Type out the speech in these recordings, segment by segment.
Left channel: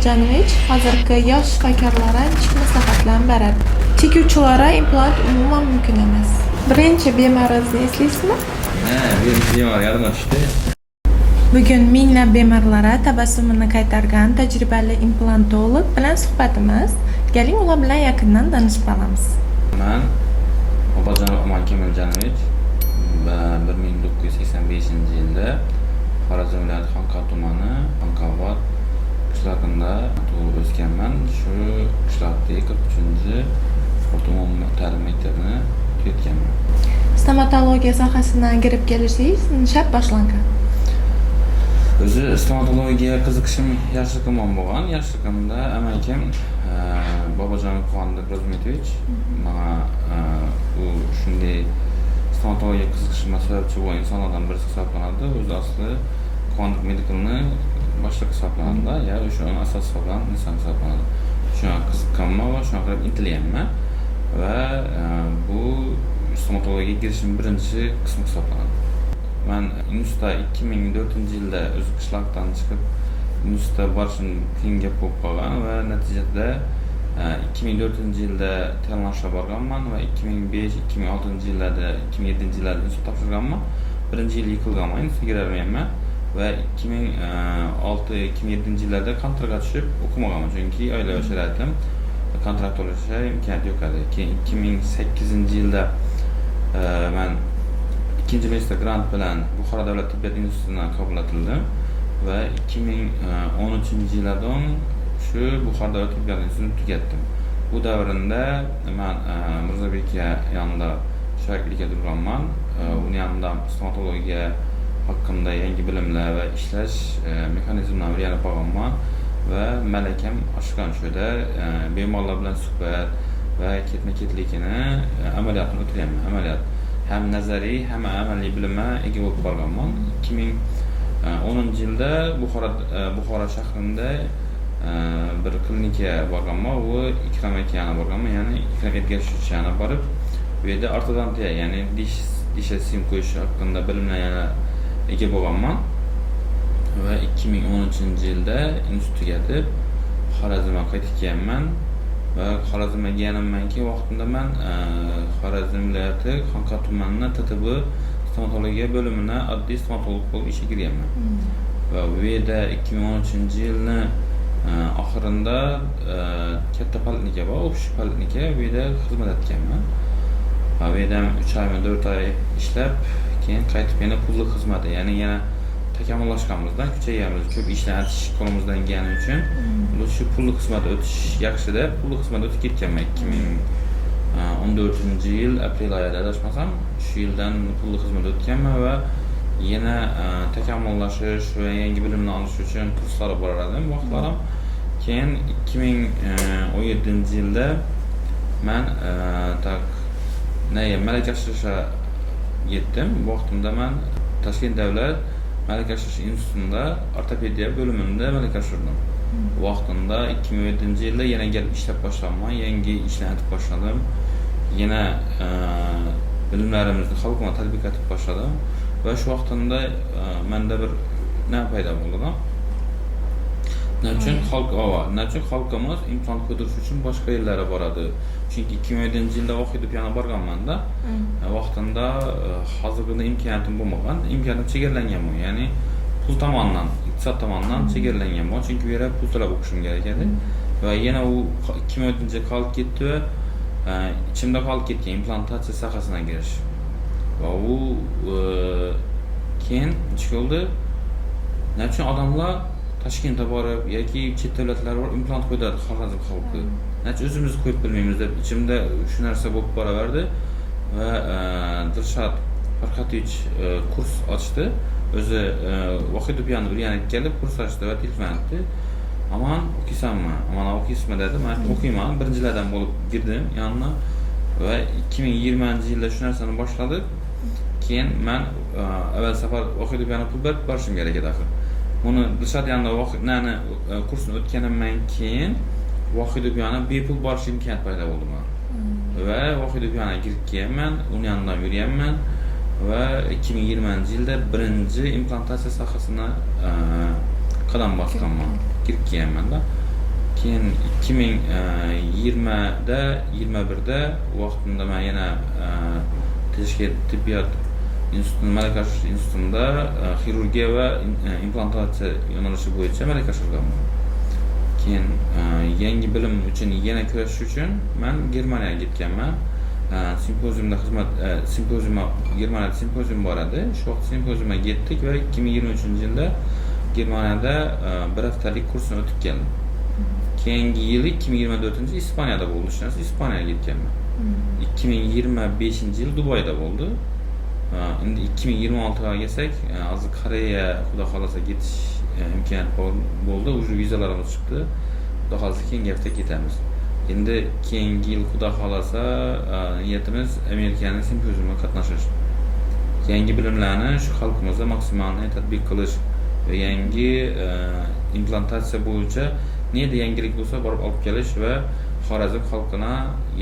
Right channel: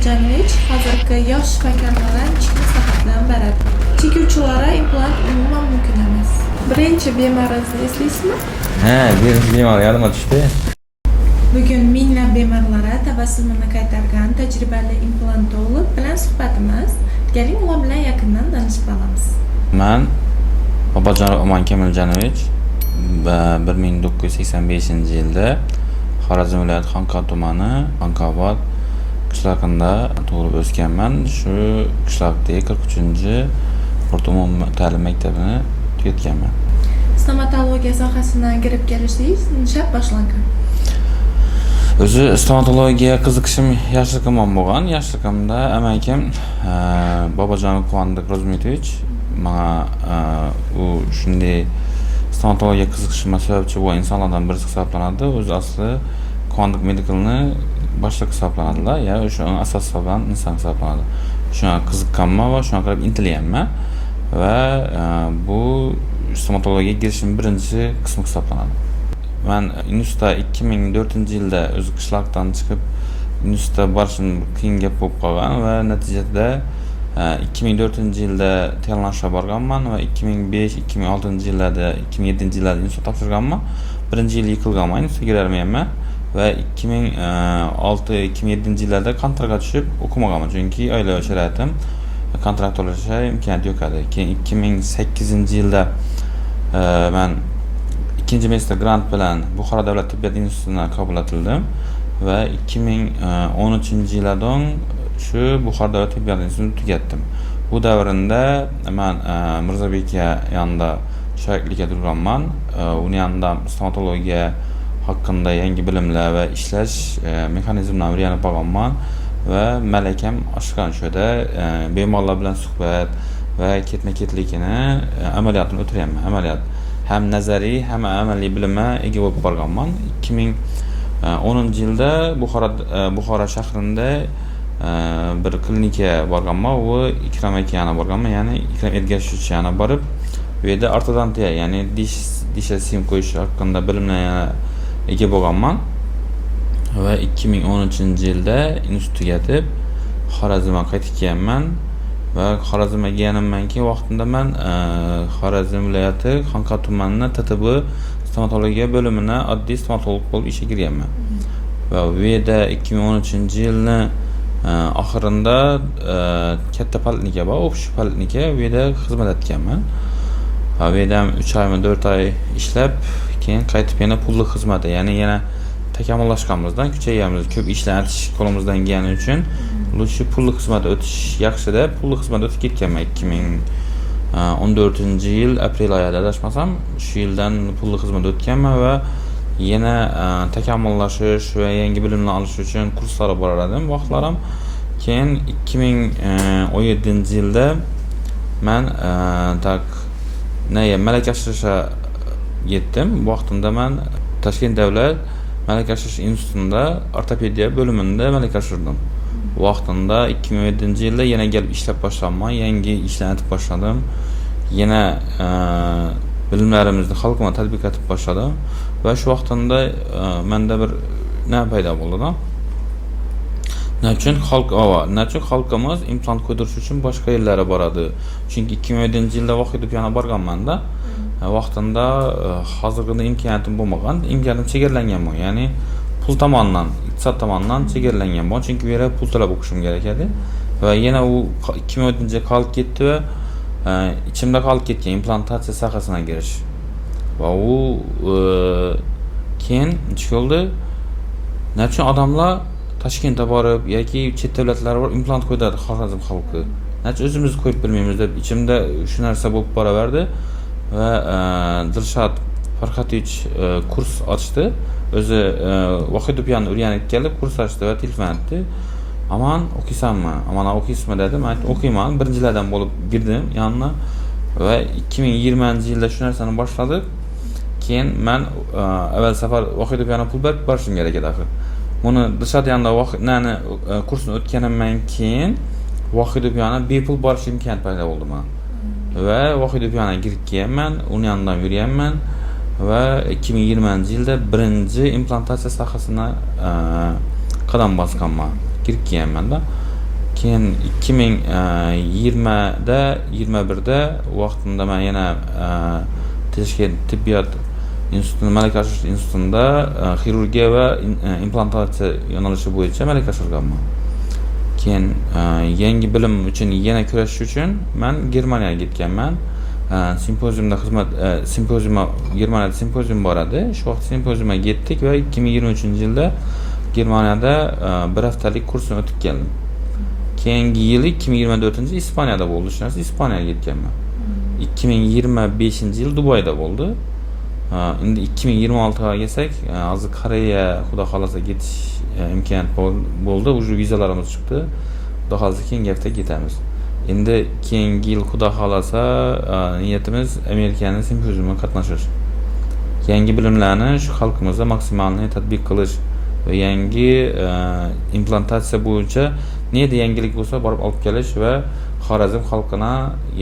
Kamiljanovich hozirgi yosh shifokorlarga ichki maslahatlar beradi. Chekuvchilarga implant umuman mumkin emas. Birinchi bemoringizni eslaysizmi? Birinchi bemor yodimga tushdi. Bugun minglab bemorlarga tabassumini qaytargan tajribali implantolog bilan suhbatimiz. Keling, ular bilan yaqindan tanishib olamiz. Men Babajon Oman Kamiljanovich 1985-yilda Xorazm viloyati Xonqor tumani Xonqobod qishlog'ida tug'ilib o'sganman. Shu qishloqdagi 43-o'rta umumiy ta'lim maktabini tugatganman. Stomatologiya sohasiga kirib kelishingiz nishab boshlangan. O'zi stomatologiya qiziqishim yoshligimdan bo'lgan. Yoshligimda amakim Babajon Quvondiq Rozmitovich menga u shunday stomatologiya qiziqishimga sababchi bo'lgan insonlardan birisi hisoblanadi. O'zi asli Quvondiq Medical'ni boshliq hisoblanadilar. Ya o'sha asos hisoblangan inson hisoblanadi. Shunga qiziqqanman va shunga qarab intilyapman va bu stomatologiyaga kirishim birinchi qismi hisoblanadi. Men institutda 2004-yilda o'z qishloqdan chiqib institutga borishim qiyin gap bo'lib qolgan va natijada 2004-yilda tayyorlanishga borganman va 2005-2006-yillarda 2007-yillarda institut topshirganman. Birinchi yil yiqilganman, institutga kirolmayapman va 2006-2007-yillarda kontraktga tushib o'qimaganman, chunki oilaviy sharoitim kontrakt to'lashga imkoniyat yo'q edi. Keyin 2008-yilda men ikkinchi magistr grant bilan Buxoro davlat tibbiyot institutiga qabul etildim va 2013-yildan shu Buxoro davlat tibbiyot institutini tugatdim. Bu davrinda men Mirzobek yanında shogirdlikka turganman. Uning yanında stomatologiya haqida yangi bilimlar va ishlash mexanizmlarini o'rganib olganman va malakam oshgan shuda bemorlar bilan suhbat va ketma-ketlikini amaliyotini o'tiryapman. Amaliyot hem nazariy hem amaliy bilimga ega bo'lib borganman. 2010-yilda Buxoro shahrida bir klinikaga borganman. U Ikrom akani borganman, ya'ni Ikrom Ergashovich yana borib, bu yerda ortodontiya, ya'ni dish sim qo'yish haqida bilimlarga ega bo'lganman. Va 2013-yilda institut tugatib Xorazmga qaytib kelganman va Xorazmga kelganimdan keyin vaqtida men Xorazm viloyati Xonqor tumani TTB stomatologiya bo'limida oddiy stomatolog bo'lib ishga kirganman. Va bu yerda 2013-yilni oxirida katta poliklinika bor, o'sha poliklinika bu yerda xizmat etganman. Va bu yerda 3 oymi 4 oy ishlab, keyin qaytib yana pulli xizmatga, ya'ni yana takomillashganimizdan, kuchayganmiz, ko'p ishlatish qo'limizdan kelgani uchun shu pulli xizmatga o'tish yaxshi deb pulli xizmatga o'tib ketganman. 2014-yil aprel oyida adashmasam, shu yildan pulli xizmatga o'tganman va yana takomillashish va yangi bilimlar olish uchun kurslarga borar edim vaqtlarim. Keyin 2017-yilda men malaka oshirishga yetdim. Vaqtimda men Toshkent davlat malaka oshirish institutida ortopediya bo'limida malaka oshirdim. Vaqtida 2017-yilda yana kelib ishlab boshladim, yangi ishlarni aytib boshladim. Yana bilimlarimizni xalqqa tatbiq etib boshladim va shu vaqtda menda bir paydo bo'ldi. Nechun xalqimiz implant qo'ydirish uchun boshqa yerlarga boradi. Chunki 2007-yilda Vohidov yana borganman-da. Vaqtida hozirgina imkoniyatim bo'lmagan, imkoniyatim chegaralangan bu. Ya'ni pul tomonidan, iqtisod tomonidan chegaralangan bu. Chunki bu yerga pul to'lab o'qishim kerak edi. Va yana u 2004-yilda qolib ketdi va ichimda qolib ketgan implantatsiya sohasiga kirish. Va u keyin chiqildi. Nechun odamlar Toshkentga borib yoki chet davlatlarga borib implant qo'yadi Xorazm xalqi. Nechun o'zimiz qo'yib bilmaymiz deb ichimda shu narsa bo'lib boraverdi va Dilshod Farhatovich kurs ochdi. O'zi Vohidovni o'rganib kelib kurs ochdi va telefon etdi. Aman o'qiysanmi? Amana o'qiysizmi dedi. Men o'qiyman. Birinchilardan bo'lib girdim yanına va 2020-yilda shu narsani boshladik. Keyin men avval safar Vohidovni pul berib borishim kerak edi. Buni Dilshod yanında kursni o'tganimdan keyin Vohidovni bepul borish imkoniyati paydo bo'ldi men. Va Vohidovga kirib kelganman, uning yonidan yurganman va 2020-yilda birinchi implantatsiya sohasini qadam bosganman. Kirib kelganman-da. Keyin 2020da 21da vaqtida men yana teshki tibbiyot institutida malaka oshirish institutida xirurgiya va implantatsiya yo'nalishi bo'yicha malaka oshirganman. Keyin yangi bilim uchun yana kurashish uchun men Germaniyaga ketganman. Simpoziumda Germaniyada simpozium bor edi. Shu vaqt simpoziumga ketdik va 2023-yilda Germaniyada bir haftalik kursni o'tib keldim. Keyingi yili 2024 Ispaniyada bo'ldi. Shu narsa Ispaniyaga ketganman. 2025-yil Dubayda bo'ldi. Endi 2026ga kelsak, hozir Koreya xudo xolasa ketish imkoniyat bo'ldi. Уже vizalarimiz chiqdi. Xudo xolasa keyingi hafta ketamiz. Endi keyingi yil xudo xolasa niyatimiz Amerikaning simpoziumiga qatnashish. Yangi bilimlarni shu xalqimizda maksimalni tatbiq qilish va yangi implantatsiya bo'yicha neydi yangilik bo'lsa borib olib kelish va Xorazm xalqina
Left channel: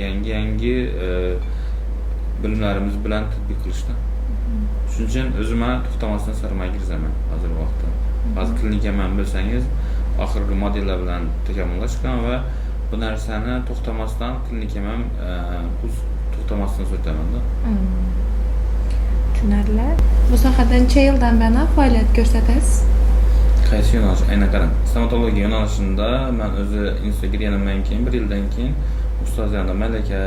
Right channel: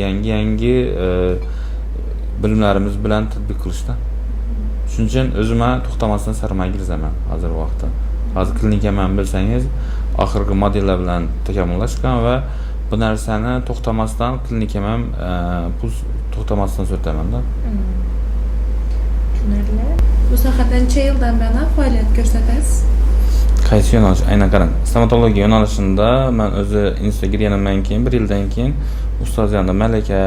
yangi bilimlarimiz bilan tatbiq qilishda. Shuning uchun o'zimga to'xtamasdan sarmoya kiraman hozir vaqtda. Hozir klinikaman bilsangiz, oxirgi modellar bilan takomillashgan va bu narsani to'xtamasdan klinikaman pul to'xtamasdan so'taman-da. Tushunarli. Bu sohada necha yildan beri faoliyat ko'rsatasiz? Qaysi yo'nalish? Aynan qarang. Stomatologiya yo'nalishida men o'zi institutga kirganimdan keyin 1 yildan keyin ustozlarga malaka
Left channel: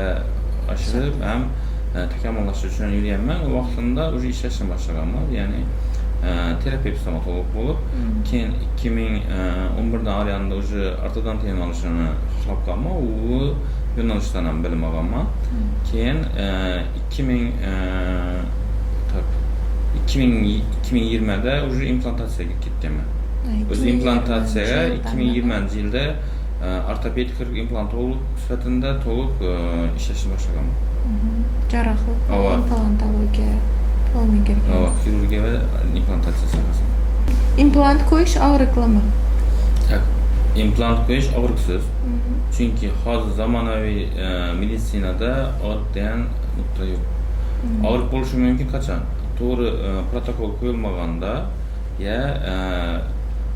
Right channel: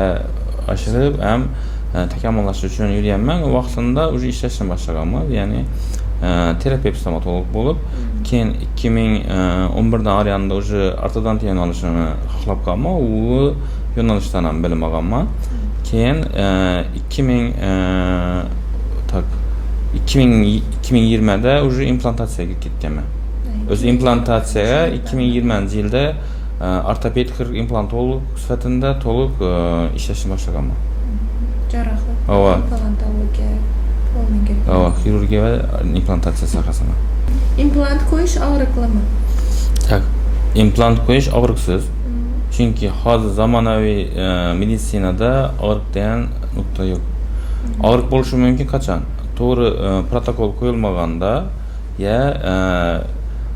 oshirib ham takomillashish uchun yurganman. O vaqtida уже ishlashni boshlaganman. Ya'ni terapevt stomatolog bo'lib, keyin 2011dan oriyanda уже ortodontiya yo'nalishini xohlab qolman. U yo'nalishdan ham bilim olganman. Keyin 2020da уже implantatsiyaga ketganman. O'z implantatsiyaga 2020-yilda ortopedik implantolog sifatida to'liq ishlashni boshlaganman. Jarrohlik, implantologiya, xirurgiya va implantatsiya sohasida. Implant qo'yish og'riqlimi? Tak, implant qo'yish og'riqsiz. Chunki hozir zamonaviy meditsinada og'riq degan nuqta yo'q. Og'riq bo'lishi mumkin qachon? To'g'ri protokol qo'yilmaganda ya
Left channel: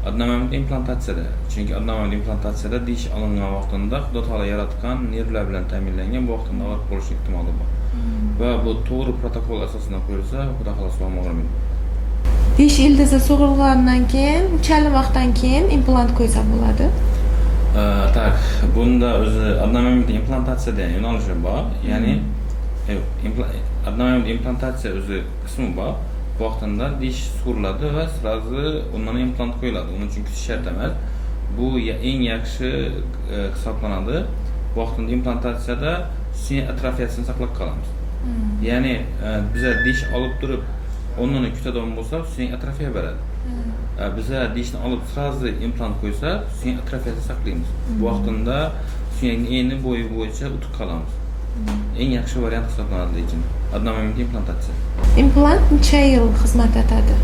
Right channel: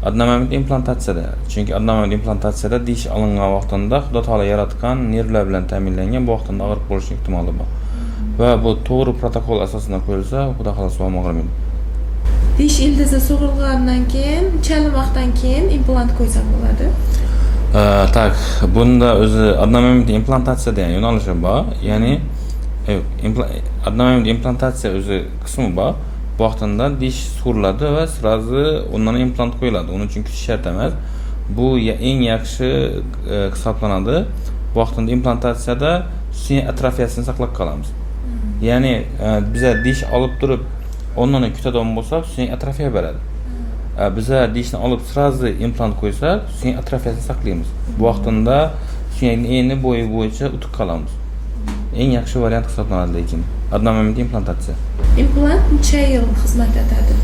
adnomoment implantatsiyada. Chunki adnomoment implantatsiyada dish olingan vaqtida Xudo taolo yaratgan nervlar bilan ta'minlangan bu vaqtda og'riq bo'lish ehtimoli bor. Va bu to'g'ri protokol asosida qo'yilsa, Xudo xolasa og'rimaydi. Dish ildizi sug'urgandan keyin, necha vaqtdan keyin implant qo'ysa bo'ladi? Tak, bunda o'zi adnomoment implantatsiya degan yo'nalishi bor. Ya'ni adnomoment implantatsiya o'zi qismi bor. Bu vaqtida dish sug'uriladi va sразу undan implant qo'yiladi. Uning uchun kutish shart emas. Bu eng yaxshi hisoblanadi. Bu vaqtida implantatsiyada suyak atrofiyasini saqlab qolamiz. Ya'ni biza dish olib turib, ondan kutadigan bo'lsak, suyak atrofiya beradi. Biza dishni olib sразу implant qo'ysak, suyak atrofiyasini saqlaymiz. Bu vaqtida suyakning eni bo'yi bo'yicha o'tib qolamiz. Eng yaxshi variant hisoblanadi lekin adnomoment implantatsiya. Implant necha yil xizmat etadi?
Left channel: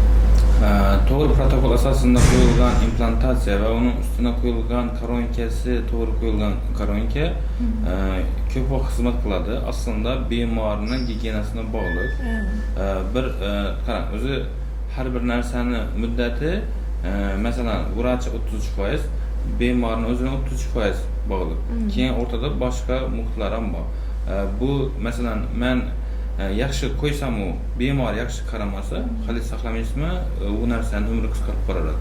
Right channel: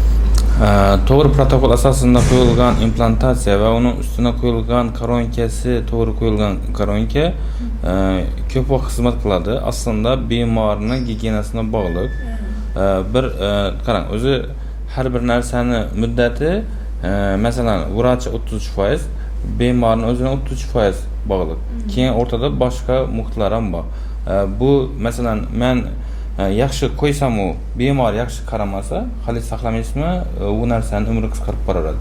To'g'ri protokol asosida qo'yilgan implantatsiya va uning ustuna qo'yilgan koronkasi, to'g'ri qo'yilgan koronka ko'p vaqt xizmat qiladi. Aslida bemorning gigiyenasiga bog'liq. Bir qarang, o'zi har bir narsani muddati, masalan, vrach 33%, bemorning o'zining 33% bog'liq. Keyin o'rtada boshqa muhitlar ham bor. Bu masalan men yaxshi qo'ysam u bemor yaxshi qaramasa, hali saqlamaysizmi, u narsani umri qisqarib boradi.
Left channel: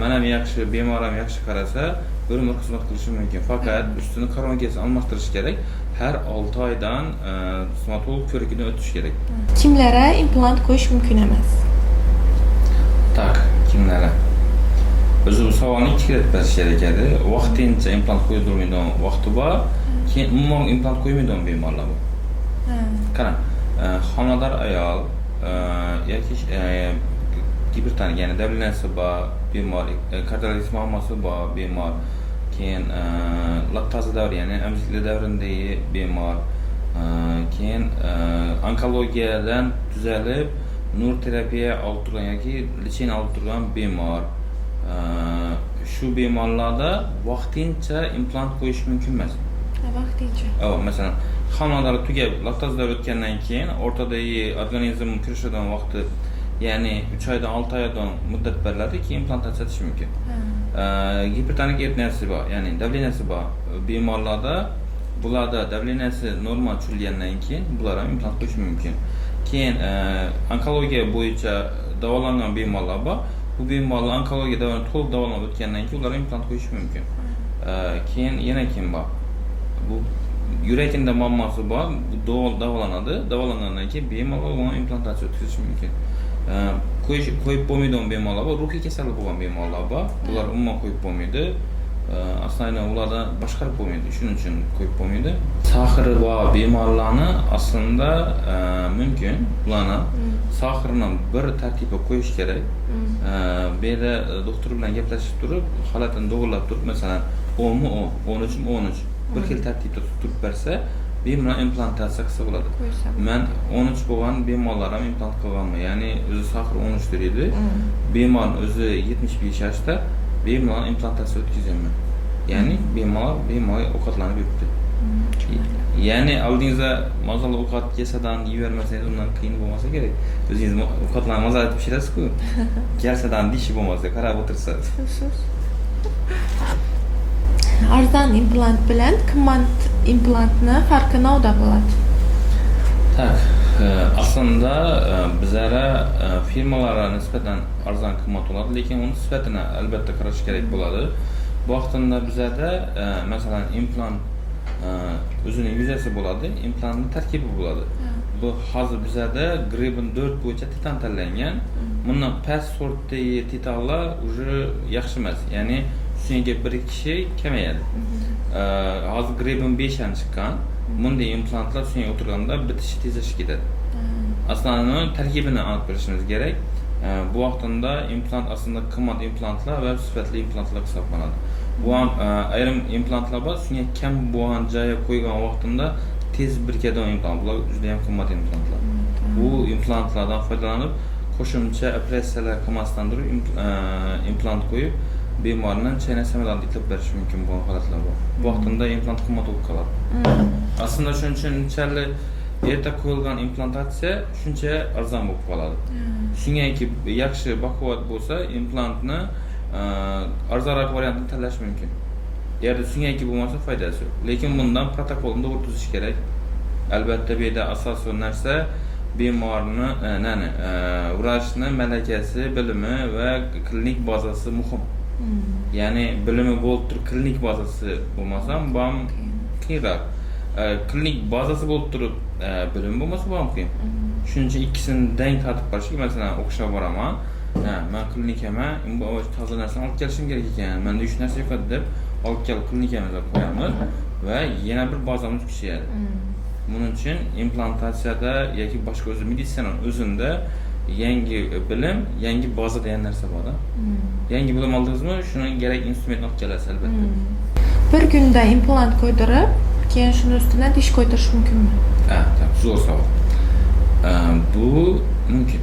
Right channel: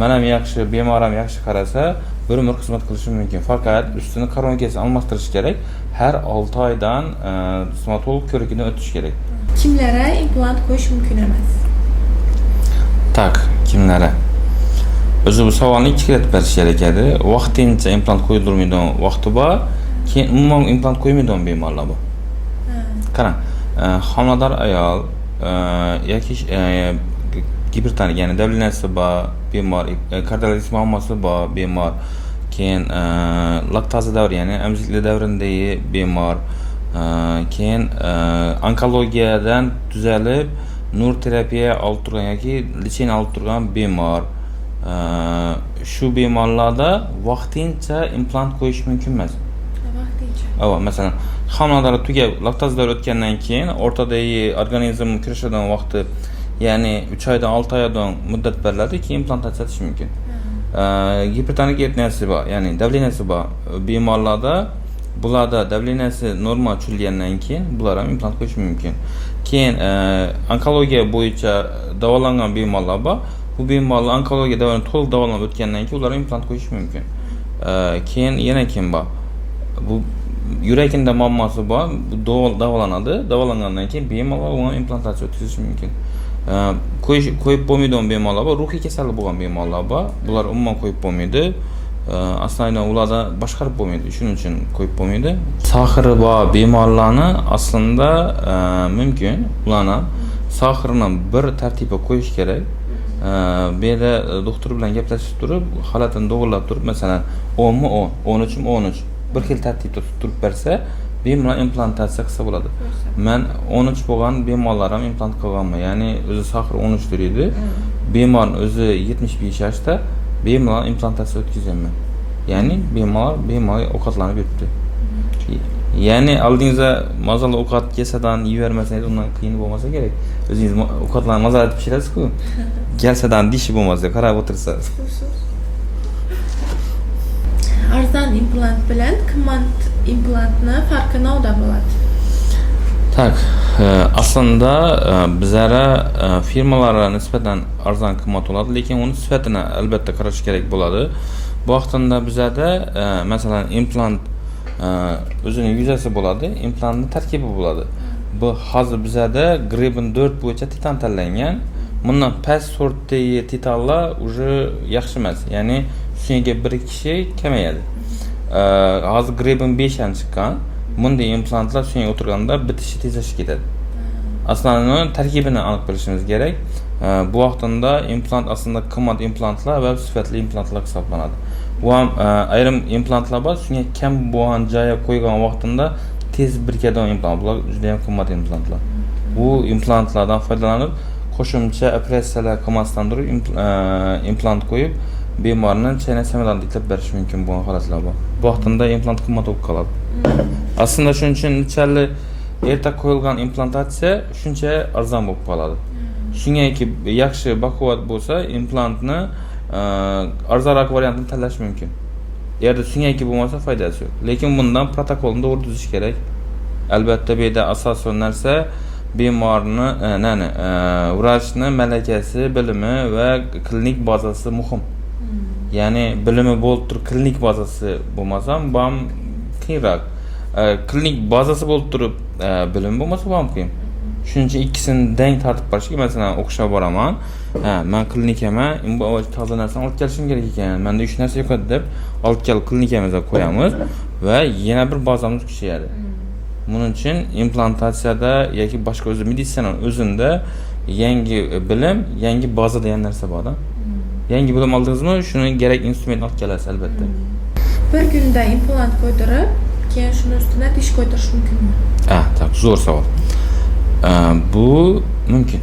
Men ham yaxshi, bemor ham yaxshi qarasa, bir umr xizmat qilishi mumkin. Faqat ustini koronkasini almashtirish kerak. Har 6 oydan stomatolog ko'rigidan o'tish kerak. Kimlara implant qo'yish mumkin emas? Tak, kimlara? O'zi bu savolni ikki qilib berish kerak edi. Vaqtincha implant qo'yilmaydigan vaqti bor, keyin umuman implant qo'ymaydigan bemorlar bor. Qarang, homilador ayol yoki gipertonik, ya'ni davleniyasi bor bemor, kardiologik muammosi bor bemor, keyin laktoza davri, ya'ni emiziklik davridagi bemor, keyin onkologiyadan tuzalib nur terapiya olib turgan yoki lecheniya olib turgan bemor. Shu bemorlarda vaqtincha implant qo'yish mumkin emas. Vaqtincha. Masalan, homiladorlik tugab, laktozalar o'tgandan keyin o'rtadagi organizm kurashadigan vaqti, ya'ni 3 oydan 6 oydan muddat beriladi, keyin implantatsiya qilish mumkin. gipertonik etniyasi bor, ya'ni davleniyasi bor. Bemorlarda bularda davleniyasi normal tushilgandan keyin bular ham implant qo'yish mumkin. Keyin onkologiya bo'yicha davolangan bemorlar bor. Bu bemorlar onkologiya to'liq davolanib o'tgandan keyin ularga implant qo'yish mumkin. Keyin yana kim bor? Bu yurakida muammosi bor, bu davolanadi. Davolangandan keyin bemorlar uni implantatsiya o'tkazish mumkin. Qo'yib bo'lmaydigan bemorlar bor, ruhiy kasali bo'lgan bemorlar bor. Bular umuman qo'yib bo'lmaydi. Aslida ularda boshqarib bo'lmaydi, shuning uchun qo'yib bo'lmaydi. Saxiri bor bemorlarni aslida mumkin. Ularni saxirini bir tartibga qo'yish kerak. Bu yerda doktor bilan gaplashib turib, holatini to'g'rilab turib, masalan, 10 mi 10, 13 mi 13 bir xil tartibda turib bersa, bemalol implantatsiya qilsa bo'ladi. Men 13 bo'lgan bemorlar ham implant qilganman. Ya'ni o'zi saxir 13 dir edi. Bemorning o'zi 75 yoshda bemalol implantatsiya o'tkazganman. Ya'ni bemor ovqatlanib yuribdi. Ya'ni oldingizda mazali ovqat kesadan yevermasangiz undan qiyin bo'lmasa kerak. O'zingiz ovqatlarni mazali pishirasiz-ku. Kelsadan dishi bo'lmasa qarab o'tirsangiz. Arzon implant bilan qimmat implantni farqi nimada bo'ladi? Tak, aslında bizlere firmalara nisbeten arzon qimmat bo'ladi, lekin uni sifatini albatta qarash kerak bo'ladi. Bu vaqtda bizlarda masalan implant o'zining yuzasi bo'ladi, implantning tarkibi bo'ladi. Bu hozir bizlarda Greben 4 bo'yicha titan tanlangan. Bundan past sortdagi titanlar уже yaxshi emas. Ya'ni shunga bir kishi kamayadi. Hozir Greben 5 ham chiqqan. Bunday implantlar shunga o'tirganda bitishi tezlashib ketadi. Aslida tarkibini aniq bilishimiz kerak. Bu vaqtda implant aslida qimmat implantlar va sifatli implantlar hisoblanadi. Bu ham ayrim implantlar bor, shunga kam bo'lgan joyga qo'ygan vaqtida tez birikadigan implant. Bular juda ham qimmat implantlar. Bu implantlardan foydalanib, qo'shimcha operatsiyalar qilmasdan turib implant qo'yib, bemorni chaynashdan bilan tiklab berish mumkin bo'lgan holatlar bor. Bu vaqtda implant qimmat bo'lib qoladi. Aslında shuning uchun nechalik erta qo'yilgan implantatsiya shuncha arzon bo'lib qoladi. Shungaki yaxshi baquvvat bo'lsa, implantni arzonroq variantini tanlash mumkin. Eğer shungaki bo'lmasa foydasi yo'q. Lekin bundan protokolni to'g'ri tuzish kerak. Albatta bu yerda asosiy narsa bemorni, vrachni malakasi, bilimi va klinik bazasi muhim. Ya'ni bilimi bo'lib turib, klinik bazasi bo'lmasa bu ham qiyinroq. Klinik bazasi bo'lib turib, bilim bo'lmasa bu ham qiyin. Shuning uchun ikkisini deng tartib qilishga, masalan, o'qishga boraman. Men klinikaman, bu toza narsani olib kelishim kerak ekan. Menda 3 narsa yo'q deb olib kelib klinikamizga qo'yamiz va yana bir bazamiz kuchayadi. Buning uchun implantatsiyada yoki boshqa o'zi meditsina o'zida yangi bilim, yangi baza degan narsa bor-da. Yangi bilim oldingizmi, shuni kerak instrument olib kelasiz albatta. Bir kunda implant qo'ydirib, keyin shuni ustidan dish qo'ydirish mumkinmi? Tak, zo'r savol. Bu mumkin.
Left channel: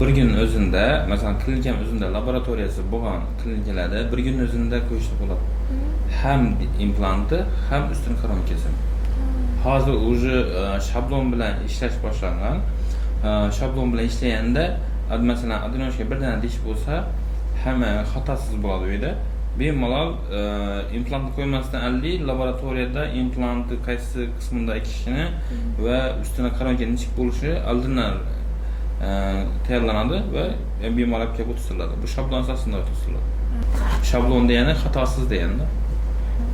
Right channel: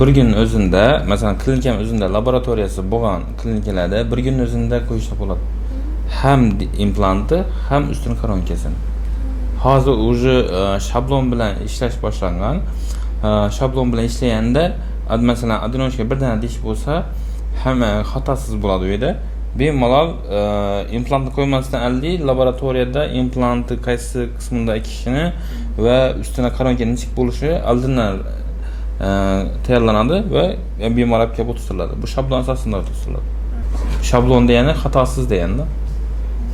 Bir kun o'zida, masalan, klinikam o'zida laboratoriyasi bo'lgan klinikalarda bir kun o'zida qo'yishsa bo'ladi. Ham implantni, ham ustini koronkasini. Hozir уже shablon bilan ishlash boshlangan. Shablon bilan ishlaganda, masalan, adenoshga bir dana dish bo'lsa, hamma xatosiz bo'ladi u yerda. Bemalol implantni qo'ymasdan oldin laboratoriyada implantni qaysi qismida ekishini va ustuna qaronka nechik bo'lishi oldindan tayyorlanadi va bemor olib kelib o'tkaziladi. Bu shablon asosida o'tkaziladi. Shablon degani xatosiz degani.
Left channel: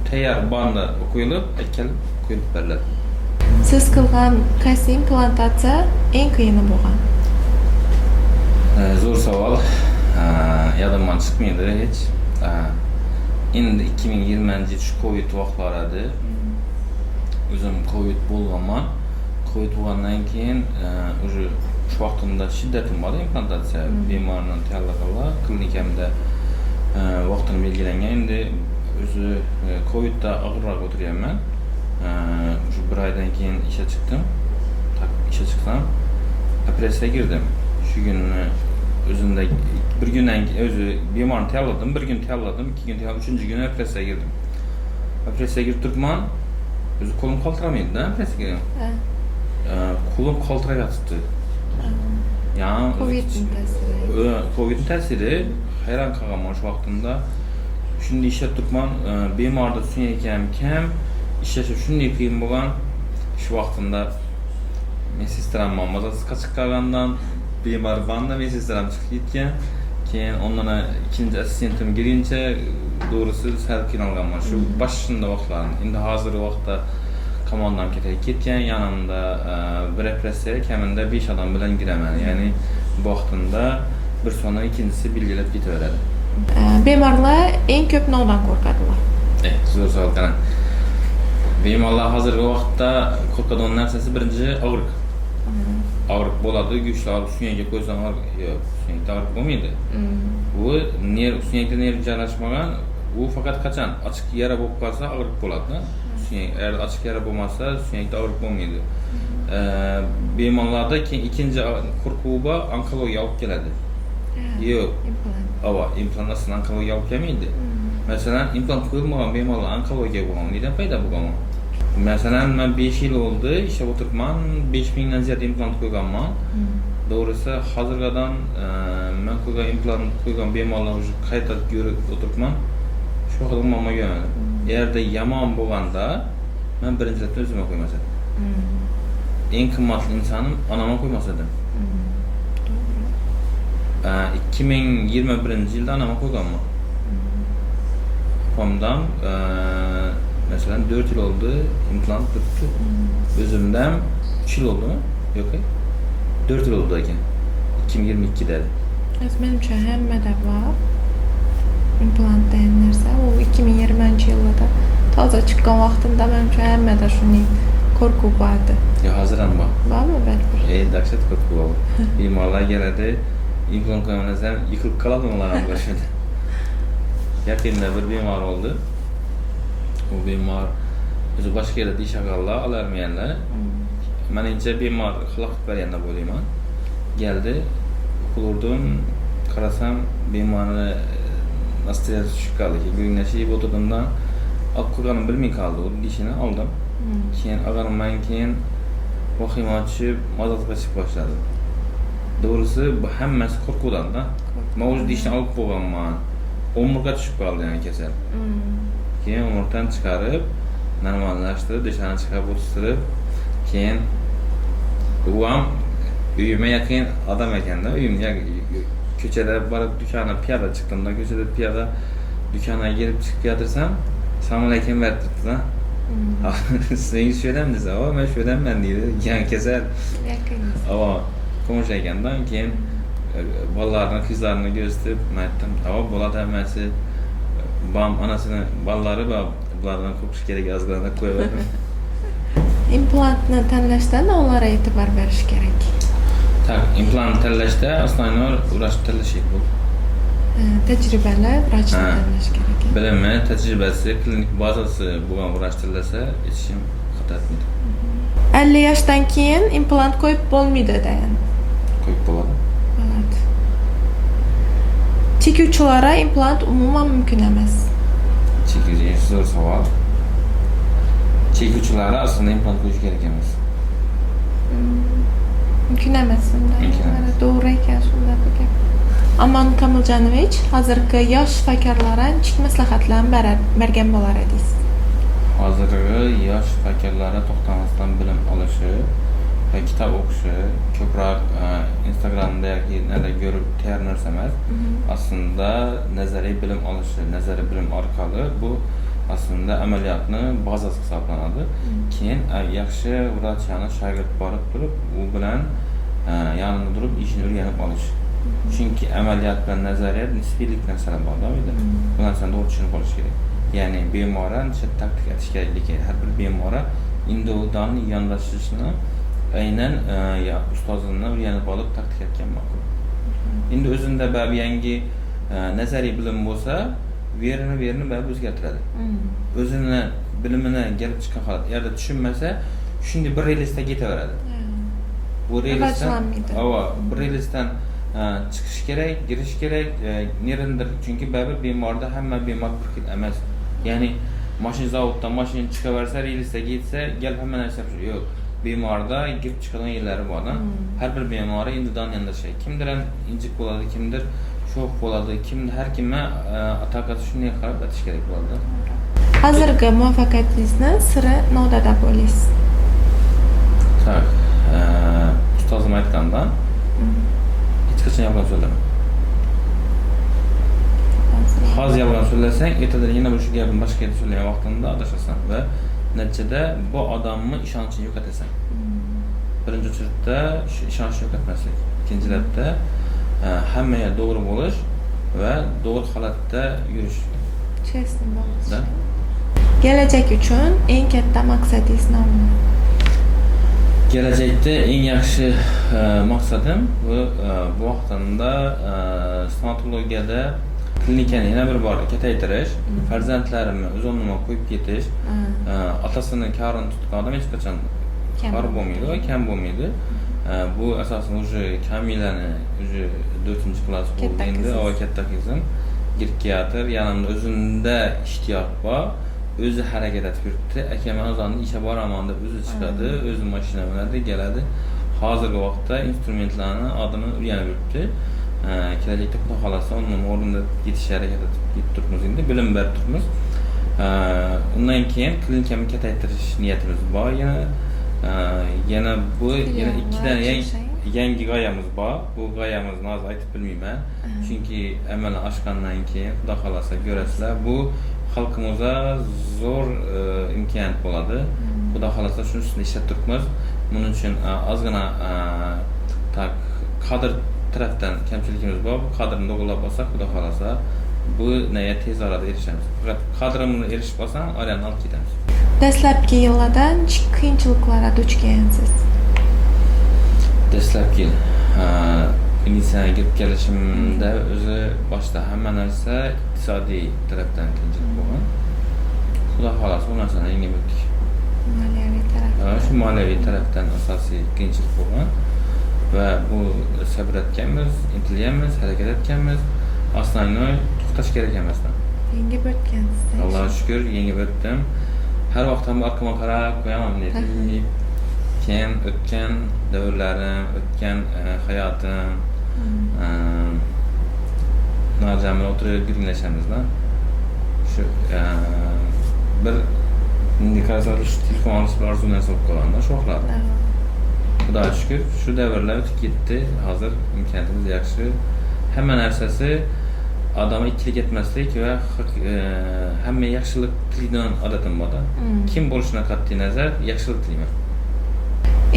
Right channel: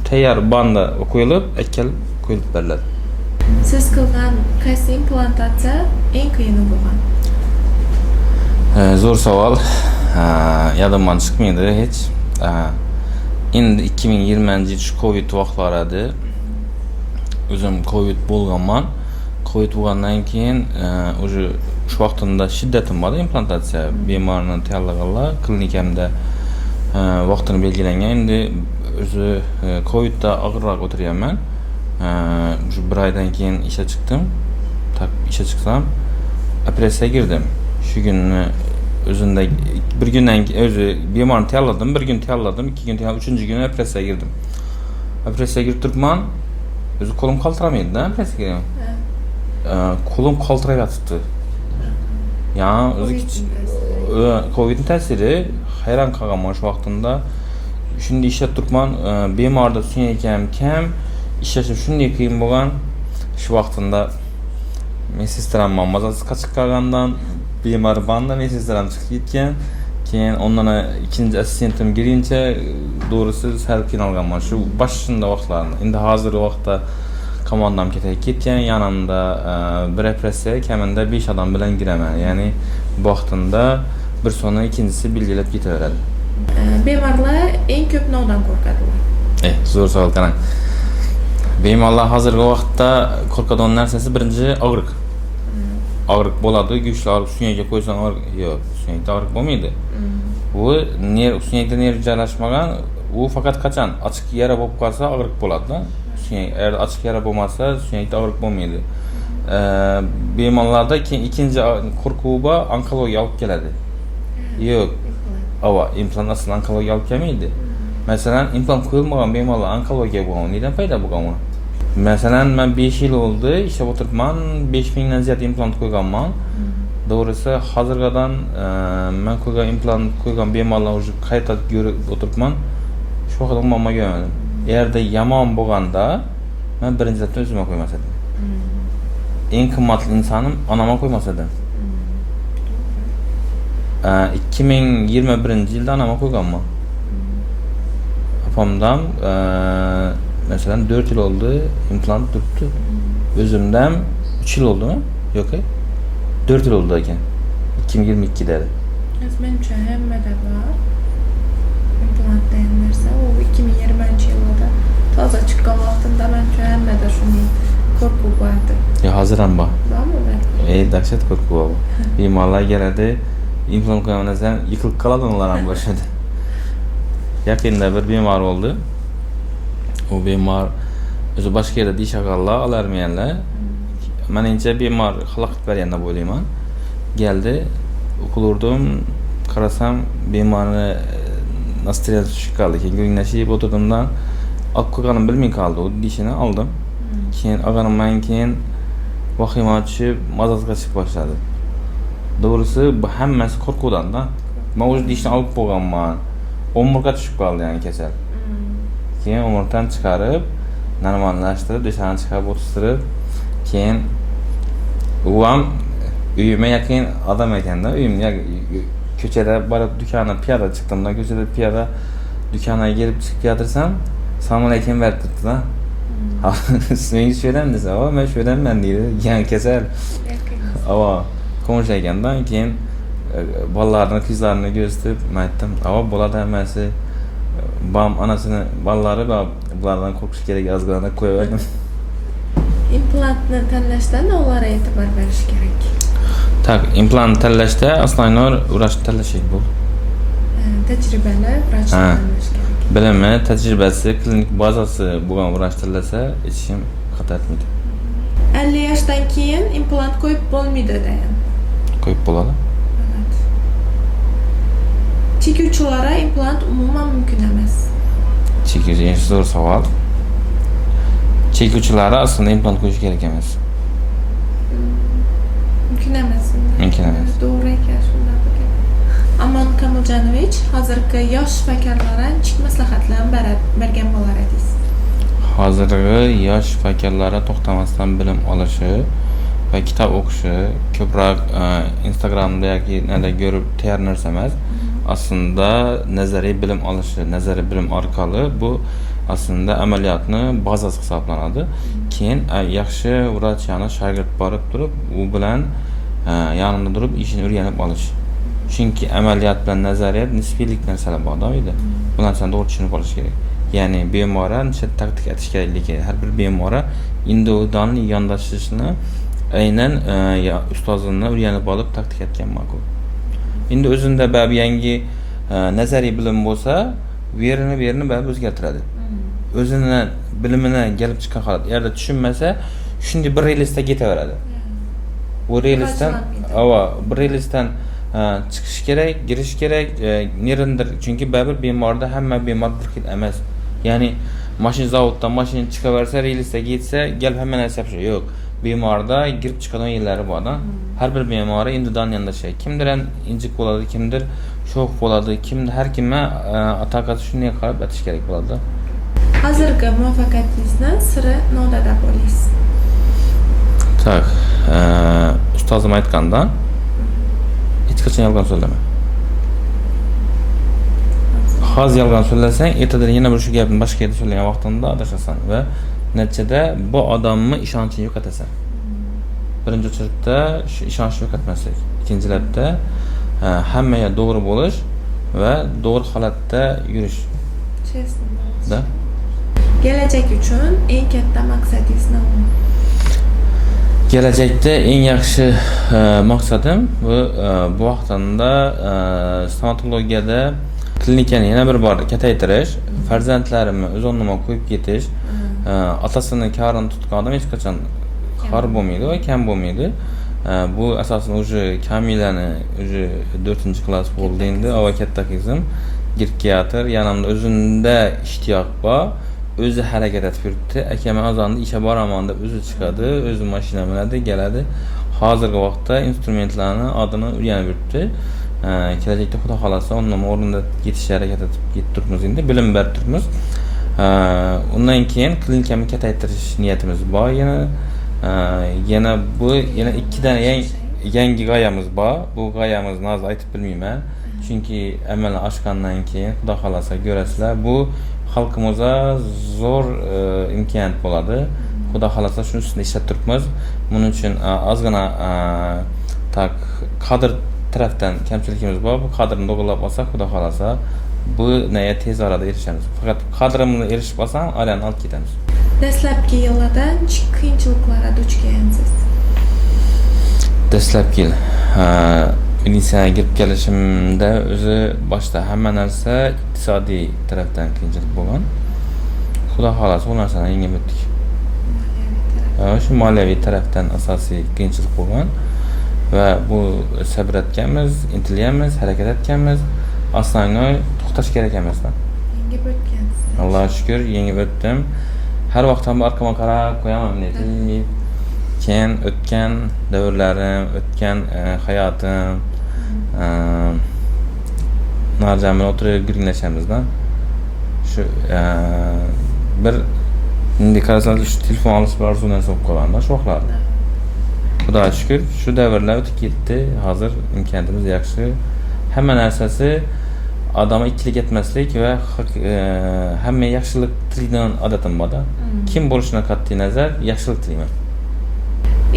Tayyor banda qo'yilib, akkalib qo'yib beriladi. Siz qilgan qaysi implantatsiya eng qiyini bo'lgan? Zo'r savol. Yodimdan chiqmaydi hech. Endi 2020 yil Covid vaqtlarida o'zim Covid bo'lganman. Covid bo'lgandan keyin уже shu vaqtimda shiddatim bor implantatsiya bemorni tayyorlaganlar klinikamda vaqtini belgilangan. Endi o'zi Covidda og'irroq o'tiryapman. Shu bir oydan keyin ishga chiqdim. Ishga chiqsam operatsiyaga girdim. Shu kunni o'zimda bir kundan o'zi bemorni tayyorladim, bir kun tayyorladim, 2 kun tayyorladim, 3-chi kuni operatsiyaga girdim. Operatsiyaga girib turibman, o'zi qo'lim qaltiramaydi-da operatsiyaga. Qo'lim qaltirab yotibdi. Ya'ni o'zi Covidning ta'siri hayron qolganman shu vaqtimda. shunda ishlab turibman, bemorda suyak ham kam, ishlashi shunday qiyin bo'lgan. Shu vaqtida medstram mazasiz chiqqandan bemor banda medstram chiqib ketgan. Keyin ondan ikinci assistentim girince doğrusu sal qiynalganman shu boshida vaqtlarni. Endi hozirgi vaqtda komandam ketgan, yanımda bir repressiya kamida 5 adam bilan giraman. Ya'ni bu vaqtida bir soni ikincisi belgilab ketaveradi. Bemorlar eng ko'p nodon qo'rqadilar. Zo'r savol qana. Bemorlar hozirgi vaqtda qo'rqadigan narsasi birinchi og'riq. Og'riq bo'ladi, kuchli og'riq suyakka qo'ysan og'riq yo'q, suyakda og'riq bo'lmaydi. U suyakda nerv joylashmagan, u faqat qachon ochiq yara bo'lib qolsa og'riq bo'ladi. Suyak agar ochiq yara bo'lmasa, suyakda og'riq bo'lmaydi. Bemorlarda ikkinchi qo'rquv bor, onkologiya olib keladi. Yo'q. İmplant aslında onkologiya olib kelmaydi. Masalan, implant qo'yilmagan bemorlar onkologiya bo'lgan. Neden paydo bo'lgan? Masalan, men 5 yil oldu, ishlab o'tiribman, 5000 dan ziyod implant qo'yganman. Doğrusu hozirgadan men qo'ygan implant qo'ygan bemorlar уже qayta ko'rib o'tiribman. Shu haqida umuman ko'rmadim. Agarda yomon bo'lganda, men birinchi marta o'zimga qo'ymas edim. Eng qimmatli insonim onamga qo'ymas edim. 2021-yilda onamga qo'yganman. Opamdan mesela 4 yıl oldu implant tuttu. Özümden 3 yıl oldu mu? Yok ya. 4 yıl oldu ekan. 2022'de. Menimcha hammada bor. Implant degan narsa u 2020-yilda toza chiqqan vaqtimda menimcha hammada shunday qo'rquv bordi. Ya hozir ham bor. Bormi balki? Dahshat qo'rquv bor. Bemorlar keladi, implant qo'ygandan so'ng yiqilib qoladi ular ham boshida. Yaqinda bir bemor oldu. O bemor o'zi boshqa yerda dish ag'allar olarmaganlar. Menimcha bemor xalaqit bergan deb o'ylayman. Keldi, o'qilurdim, qarasam bemorni nastrel tushib qoldi. Keyin go'nglashib o'tirdimdan olib qo'yganimni bilmay qoldi. U dishini oldim. Keyin olganimdan keyin vahima tushib, mazasiga chiqib boshladi. Doğrusu bu hammasi qo'rquvdan-da. Men o'zi dishni olib qo'yganman. Omurga tushib qoldi yani kasal. Keyin omurdan chiqarib, normallashtirib, dishani chiqarib o'tirtirib, keyin u ham uyimga yaqin odam ekanda, uyimga ko'chada borib do'konni piyoda chiqdimda, ko'chada piyoda do'konga kelib chiqib yotirsam, "Assalomu alaykum" berdi-da. "Sen shu yerdan desa, men shu yerdanman" deydi. Yani kasal. Konuşa ekandan keyin bolalarni ko'zlarini ko'rsatib, men aytdim, bo'ladi hammasi. Bam anasini bolalari va bulardan qo'rqish kerak, ozgina qo'yaverdim. Implantni tanlashda nimalarga e'tibor berish kerak? Tak, implant tanlashda asnoyinor vrach tanlash bu. Tajribali vrachni tanlash kerak. Bilimi, tajribasi, klinik bazasi bo'lgan vrach tanlasa, hech kim xato etmaydi. 50 yoshdan keyin implant qo'yib bo'lmaydi degan. Qo'yib bo'ladi. Chekuvchilarga implant umuman mumkin emas. Chekuvchi zo'r savol. Chekuvchilarga aslında implant qo'yish kerak emas. Mumkin emas. Mumkin emas. To'g'ri ekan shunda ekan. Aman Kamiljonovich hozirgi yosh shifokorlarga nechik maslahatlarni bergan bo'lar edingiz? Hozirgi yosh shifokorlarga to'xtamasdan bilim olishi va kitob o'qishi, ko'proq Instagramda yoki nada ko'rib tayyor narsa emas. Aslında nazariy bilim olishi, nazariy bilim orqali bu aslında ameliyatni bazasi hisoblanadi. Keyin yaxshi vrach yani shogird borib turib, u bilan yanında turib ishini o'rganib olish. Chunki ameliyat bilan nazariyat nisbiylik narsalar bor edi. Bu narsani to'g'ri tushunib olish kerak. Ya'ni bemorni tadqiq etish kerakligi, har bir bemorga individual yondashishni aynan ustozini o'rganib olib tadqiq etgan ma'qul. Endi o'zida ba'zi yangi nazariy bilim bo'lsa, verini ba'zi o'zgartiradi. O'zini bilimini kelib chiqqan holat, agar tushunmasa, shunday bir relisda ketaveradi. Bu relisdan, bir relisdan chiqish kerak, girish kerak, nerendir. Chunki ba'zi bemorda hamma bemor bir xil emas. Ya'ni mashina zavoddan mashina chiqaversa, relisda ketsa, kelib hamma narsa yo'q. bemorda girib chiqadigan yerlari bor da. Har bir bemori individual yondashadi. Kimdir injiq bo'ladi, kimdir sho'x bo'ladi, kimdir har kimga taqati shunday qarab o'tish kerak bo'ladi. Hozirgi muvaffaqiyatingizni siri nimada bo'laysiz? Tak, ustozim aytganda, hech qachon yolg'on so'zlama. Hozir yolg'on so'zlasang, ertadan yana bir shu gapni boshqa yerda so'zlagan vaqtingda adashasan va natijada bu odamni ishonchini yo'qotasan. Birinchi o'rinda shu ishonchni yo'qotmaslik. Ikkinchilarda hammaga to'g'ri bo'lish va to'g'ri holatda yurish. Chestni bo'lish. Kelajak uchun eng katta maqsadingiz nima? Kelajakda eng yaxshi maqsadim bu vaqtimda stomatologiyada klinikani yana bir bor kataytirish, farzandlarimni o'z o'rnima qo'yib ketish, otasini karini tutgan odam hech qachon xor bo'lmaydi va kam bo'lmaydi. Bu asosan уже Kamilani уже 4-klass bo'ldi endi, ava katta qizim girib keladi, yanimda o'zimda ishtiyoq bor. O'zi harakat etib yuribdi. Akam azonda ishga boraman deb o'zi chiqadi, o'zi mashina minadi, keladi. Hozirgi vaqtda instrumentlarni adini o'rganib yuribdi. Kelajakda xudo xolasa onun o'rnida ketishga harakat etib turibmiz endi, bilim berib turibmiz. Undan keyin klinikani kataytirish niyatimiz bor. Yana bu yana ikkidan yangi g'oyamiz bor. Bu g'oyamizni hozir aytib bilmayman. Chunki amalan oshgandan keyin xudo xolasa ko'rasizlar, bu xalqimizga zo'r imkoniyat bo'ladi. Xudo xolasa shuning ustida ishlab turibmiz. Buning uchun ozgina kadr tarafdan kamchilikimiz bor. Bu kadrni to'g'rilab olsak, xudo xolasa bu naya tez orada erishamiz. Faqat kadrimizni erishib olsam, aylanib olib ketamiz. Dastlabki yillarda qiyinchiliklarga duch kelgansiz. Dastlabki klinikasiga kirib kelishimda o'zi boshda hamma narsa iqtisodiy tarafdan qiyinchilik bo'lgan. Xudo xolasa u narsani yengib o'tdik. Moliyaviy taraf. Shu moliyaviy tarafdan asosiy qiyinchilik bo'lgan va bu sabr etganmiz, intilyapmiz, harakat etganmiz. Aslangoy to'xtash kerak emas. Yengib o'tgansiz. Allohga shukr, yengib o'tdim. Har vaqt ham orqama qarab qo'yaman dedim. Keyin o'tgan davrlarim, o'tgan hayotim, Narjan bilan o'tirib gurunglashamiz-da. Shu bir endi qarasangiz shu telefon olish arzundan so'rab qolganda shu vaqtlar. Xudoga shukr, shu davrlar o'tib ketdi. Hozir imkoniyatimiz yaxshi. Hamma narsasi odamga ikkilik etmaslik va hamma yaxshilik tilaydigan odatim bor-da. Kim bo'lishidan qat'iy nazar yaxshilik tilayman.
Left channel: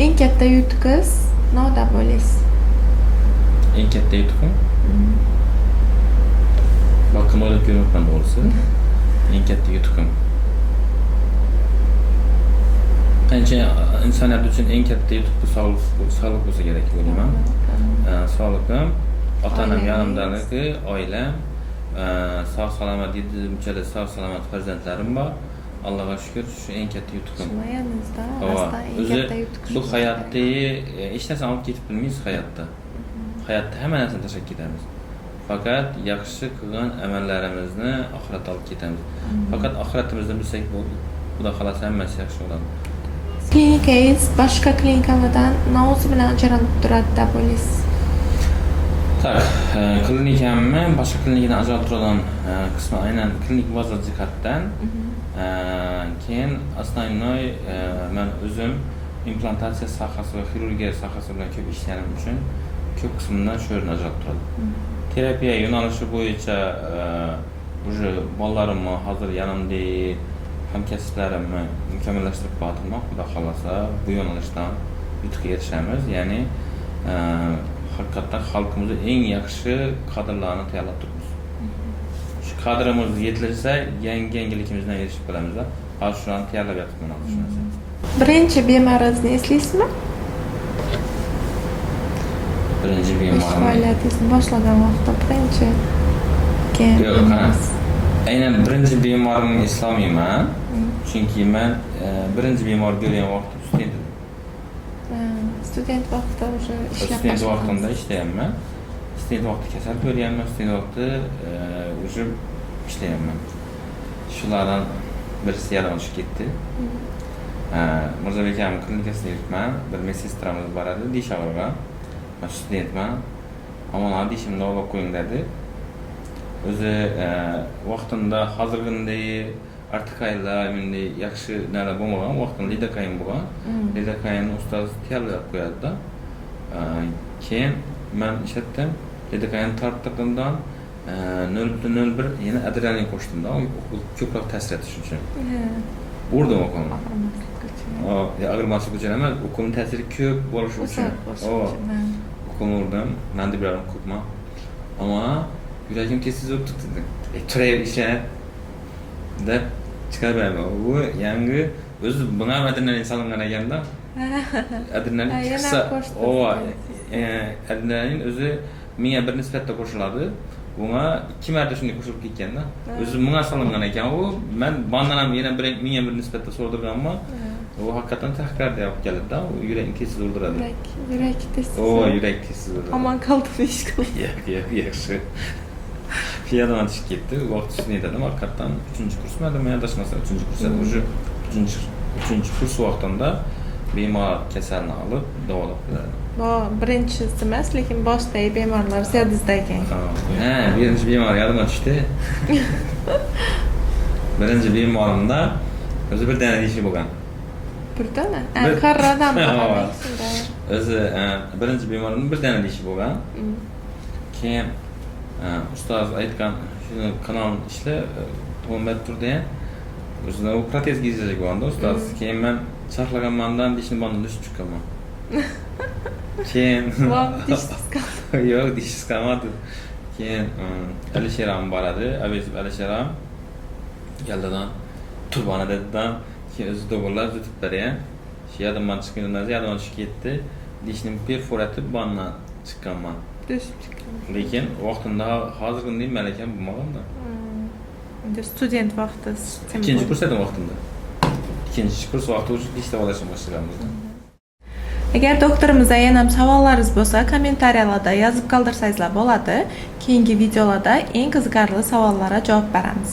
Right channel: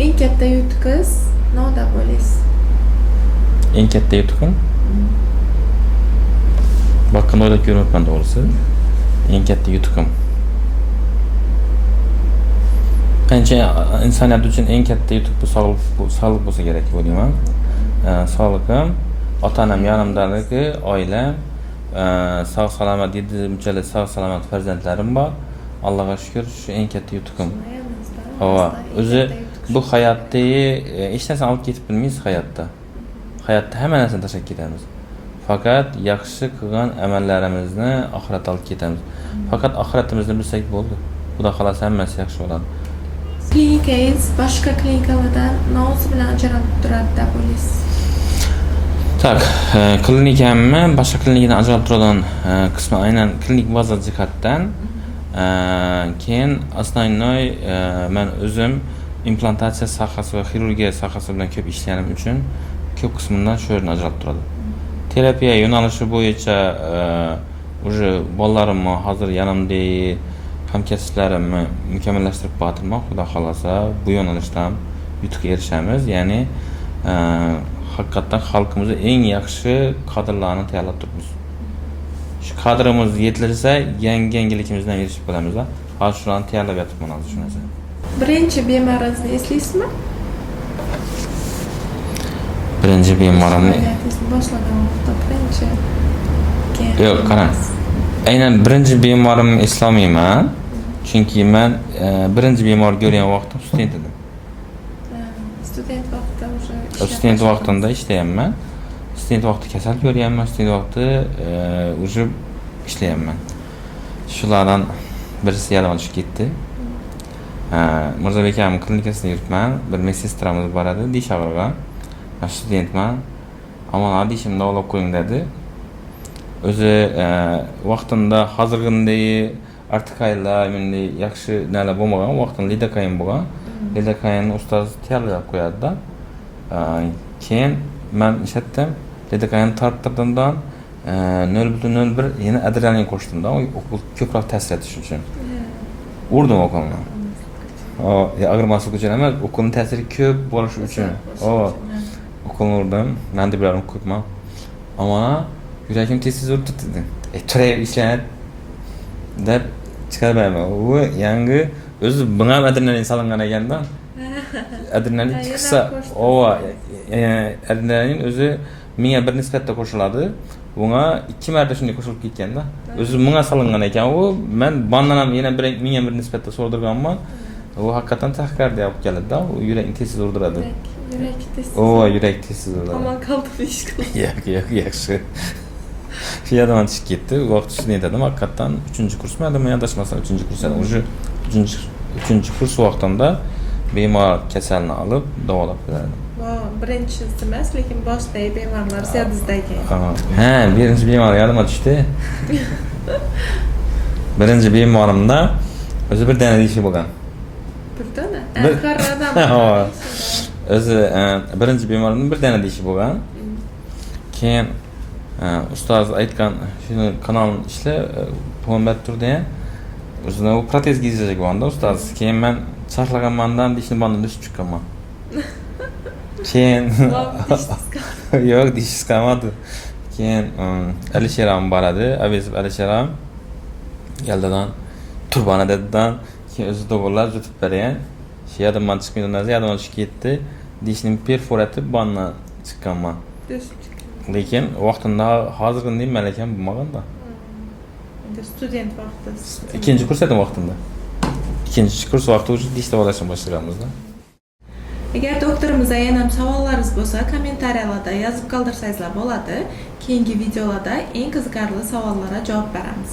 Eng katta yutuqingiz nimada bo'laysiz? Eng katta yutuqim bakın o'ylab ko'rmayapman to'g'risi. Eng katta yutuqim. Qancha insoniyat uchun eng katta yutuq bu sog'liq bo'lsa kerak deb o'ylayman. Sog'lig'im, ota-onam yonimdaligi, oilam, sog' salomat yetishimchalik sog' salomat farzandlarim bor. Allohga shukr, shu eng katta yutuqim. Hava, o'zi bu hayotdagi hech narsani olib ketib bilmaysiz hayotda. Hayotda hamma narsani tashlab ketamiz. Faqat yaxshi qilgan amallarimizni oxiratga olib ketamiz. Faqat oxiratimizni bilsak bo'ldi. Xudo xolasa hammasi yaxshi bo'ladi. Klinikangiz boshqa klinikalardan nima bilan ajralib turadi deb o'ylaysiz? Tak, klinikamni boshqa klinikadan ajralib turadigan qismi aynan klinik baza jihatdan. Keyin asnoy men o'zim implantatsiya sohasi va xirurgiya sohasi bilan ko'p ishlaganim uchun ko'p qismidan shu yerdan ajralib turadi. Terapiya yo'nalishi bo'yicha уже bolalarimni hozir yanimda hamkasblarimni mukammallashtirib bordim. Xudo xolasa bu yo'nalishdan yutuqqa erishamiz. Ya'ni haqiqatan xalqimizga eng yaxshi kadrlarni tayyorlab turibmiz. Shu kadrimiz yetilsa, yangilikimizdan erishib qolamiz-da. Hozir shularni tayyorlab yotibman hozir shu narsa. Birinchi bemoringizni eslaysizmi? Birinchi bemorimni boshlagan vaqtda birinchi. Yo'q, qarang. Aynan birinchi bemorimni eslamayman. Chunki men birinchi bemor ko'rgan vaqtim student edim. Student vaqtida o'sha Student vaqtimda ishlayapman. Student vaqti kasal ko'ryapman, student vaqti o'sha ishlayapman. Shulardan birisi yaralanib ketdi. Mirzabek akamning klinikasida yuribman. Bir medsestramiz bor edi, dish og'rig'i. Men studentman. Aman dishimni davolab qo'ying dedi. O'zi vaqtida hozirgidek artikaylar, bunday yaxshi nalar bo'lmagan, vaqtida lidokain bo'lgan. Lidokainni ustoz tayyorlab qo'yadi-da. Keyin men ishlatdim. Lidokainni torttirdim-dan 0.01 yana adrenalin qo'shdim-da, ko'proq ta'sir etish uchun. Urdim o'qolni. Ag'irmaslik uchun emas, o'qolni ta'siri ko'p bo'lishi uchun. O'qolni urdim, mandibularni ko'pman. Ammo yuragim tez-tez urib turdi. Turayib ishlanib deb chiqaraman. U yangi o'zi bunga adrenalin solingan ekanda. Adrenalin chiqsa, adrenalin o'zi menga bir nisbatda qo'shiladi. Bunga 2 marta shunday qo'shilib ketganda, o'zi menga solingan ekan. U men bundan ham yana menga bir nisbatda so'rdirganman. U haqiqatan taxikardiya olib keladi-da, u yurakni tez urdiradi. Yurak tez. Yurak tez urdiradi. Aman qoldi ish qildi. Yo'q, yaxshi. Shu yerdan chiqib ketdi. U vaqt shuni aytdim, haqiqatan 3-kursmi, men adashmasam 3-kurs edim. O'sha 3-kurs vaqtimda bemor kasalni olib davolab beradi. Bu birinchisi emas, lekin boshidagi bemorlar ziyodizda ekan. Birinchi bemor yodimga tushdi. Birinchi bemorimda o'zi bir dana ishi bo'lgan. Bir dana? Qarradan. O'zi birinchi bemorimning bir dana ishi bo'lgan. Keyin ustoz aytgan shuni kanalni ishla, to'nbat turdi. O'zini u protez gizlagan bo'lganda ustoz. Keyin men charxlaganmandan dishni bandan tushib chiqqanman. Keyin yo'q, dishsiz qolmadi. Keyin Alisheram bor edi, Avezov Alisheram. Yaldadan turbana dedidan keyin o'zi do'g'irlab zutib bergan. Shu yerdan chiqqandan yerdan chiqib ketdi. Dishning perforati bandan chiqqanman. Lekin vaqtida hozirgidek malakam bo'lmaganda. Student vaqti. Ikkinchi kurs edim vaqtida. Ikkinchi kurs vaqti uchun dish davolashni boshlaganmiz. Agar doktorimizga yana ham savollaringiz bo'lsa, kommentariyalarda yozib qoldirsangizlar bo'ladi. Keyingi videolarda eng qiziqarli savollarga javob beramiz.